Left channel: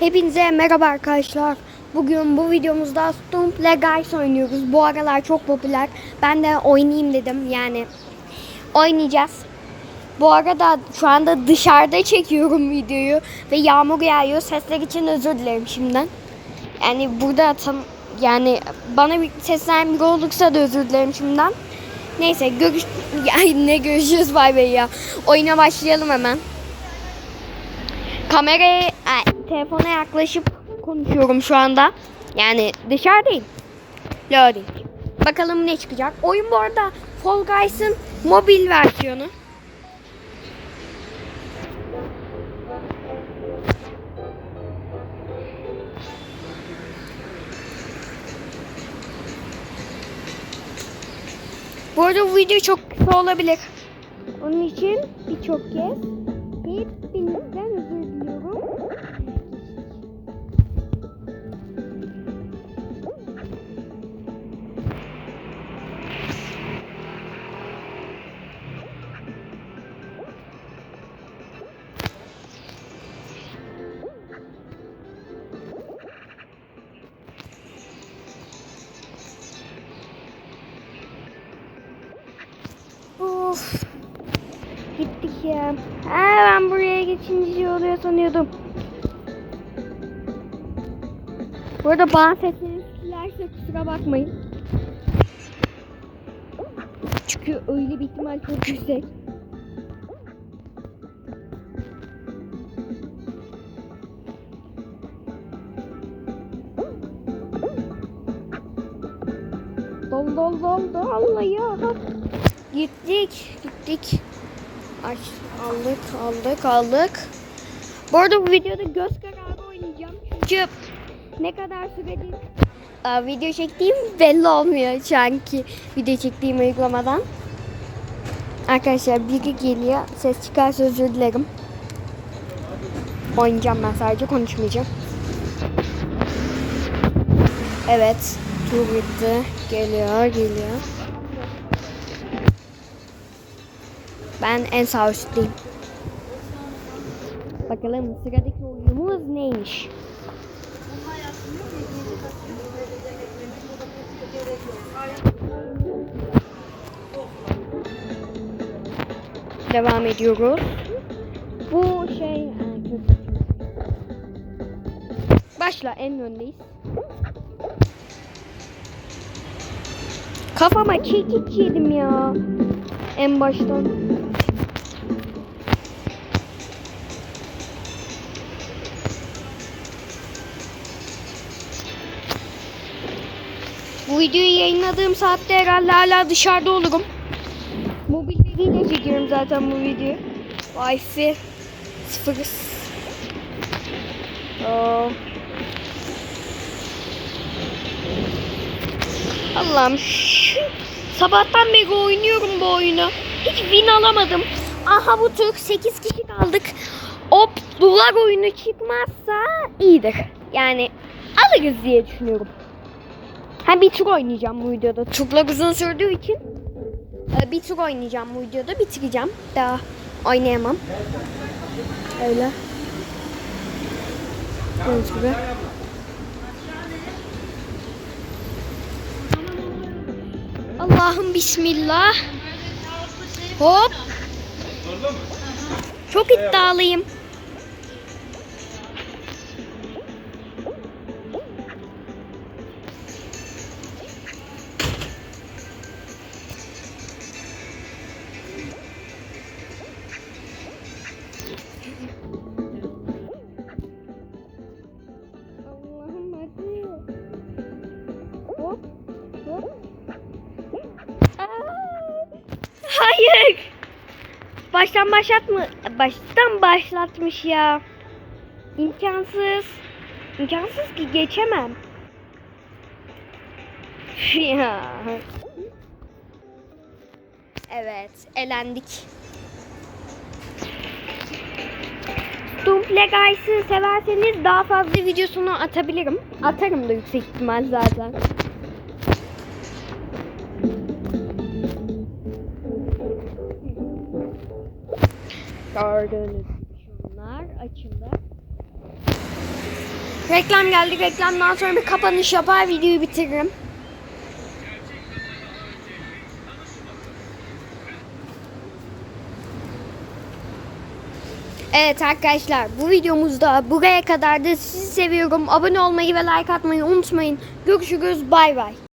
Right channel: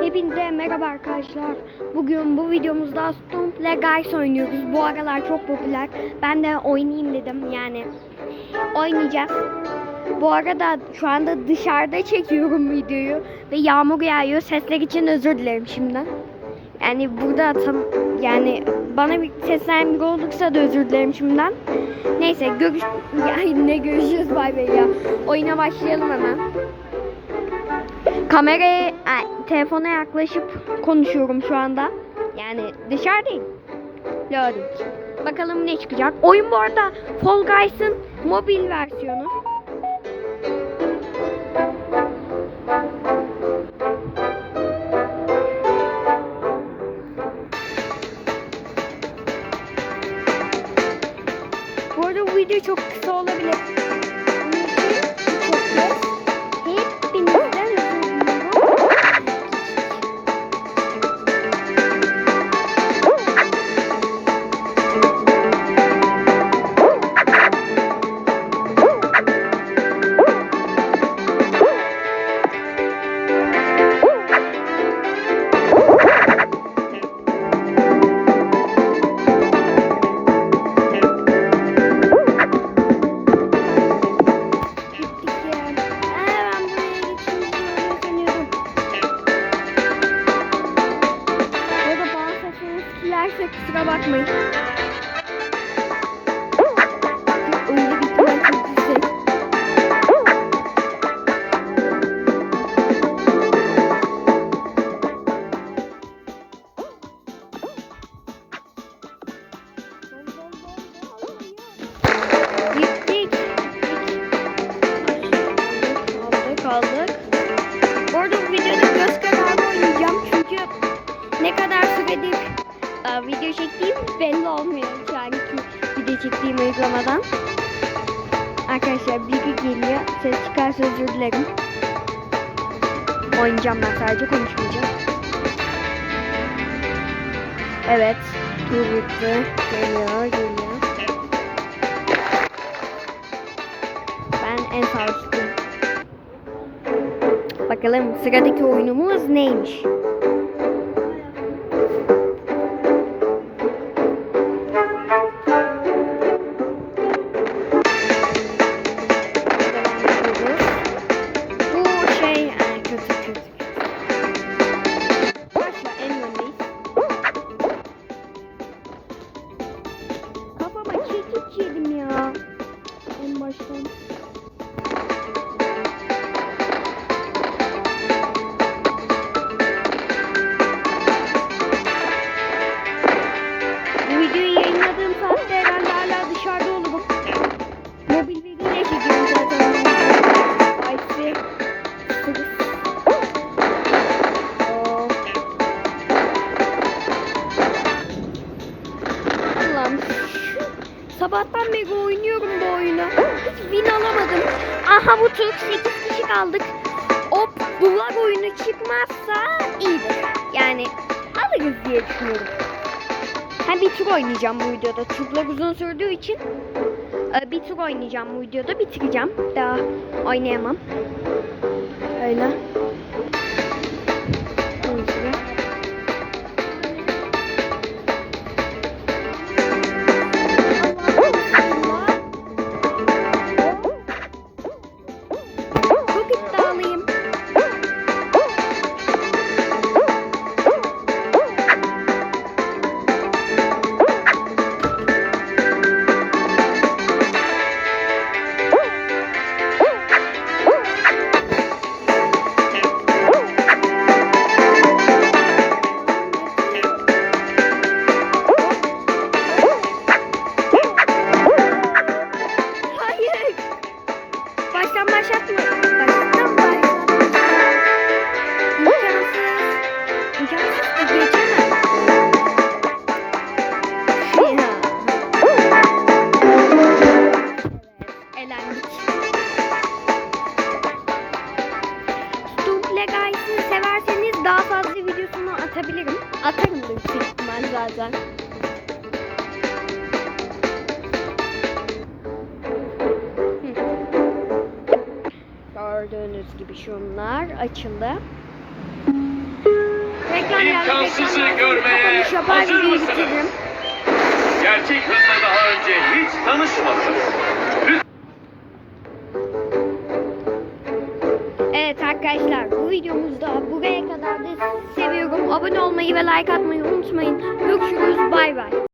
Hepinize merhaba arkadaşlar. Bugün bu videomuzda Stumble Guys oynuyoruz. Bu aralar çok popüler. Ben de oynayayım dedim. Yani oynayacağız. Bu arada şu anda dışarıda çekiyorum videoyu ve yağmur yağıyor. Sesler için özür dilerim şimdiden. Yani burada tam yani bana bir seslenen biri olursa da özür dilerim şimdiden. Neyse görüş yani ne görüşürüz bay bay ya. Oyuna başlayalım hemen. Kameraya, ay, telefona yaklaşıp konuşuyorum şu anda. Yani dışarıdayım. Loading. Bakalım ne çıkacak. Oyun bu arada Fall Guys'ın mobil versiyonu. Bu arada bu video çok kısa olabilir. Onun için çok kez arada bana sesiniz silerse kusura bakmayın. Çünkü öyle bir ihtimal çok yüksek. Dol dol dol dol ya. Gittik. Gittik. Ay, aldık aldık aldık. Bu arada bu videoda göz kararı oynayacağım. Çünkü ne kadar süredir e, video çektiğim belli olmuyor şu anki video çektiğim uygulamadan. Arkadaşlar biri geliyor. Ses çıkarsa özür dilerim. Oynayacağım ben sadece konuşmayacağım. Evet. Tur bitti. Geliyor geliyor. Ben en sağ üstteyim. Bakalım sıradaki oyunumuz neymiş? Devam ediyoruz. Bu şey Aa, kötü kötü. Başla en öndeyiz. Kafama çekiç yedim ya. En baştan. Bu videoyu yayınladığım saatte herhalde hala dışarıda olurum. Veriyle çekiyorum zaten bu videoyu. Wi-Fi sıfır. Aa. Allah'ım sabahtan beri oynuyorum bu oyunu. Hiç win alamadım. Aha bu tur 8 kişi kaldık. Hop duvar oyunu çıkmazsa iyidir. Yani alırız diye düşünüyorum. Ha bir tur oynayacağım bu videoda. Turlar uzun sürdüğü için bir tur oynayacağım bu videoda. Bitireceğim. Daha oynayamam. Öyle. Gördüğünüz gibi. Allah bismillah. Hop. Çok iddialıyım. Baştan başlatma. Baştan başlatmış ya. İmkansız. İmkansız ki geçemem. Ya. Evet, elendik. Dumple Guys'ı severseniz daha fazla videosunu atabilirim. Atarım da yüksek ihtimal zaten. Gördüğünüz gibi şunlar açıldı. Reklam geldi. Reklamdan sonra kapanış yapar videoyu bitiririm. Gerçek hızla daha önce hiç tanışmadınız. Evet arkadaşlar bu videomuzda buraya kadar da sizi seviyorum. Abone olmayı ve like atmayı unutmayın. Görüşürüz bay bay.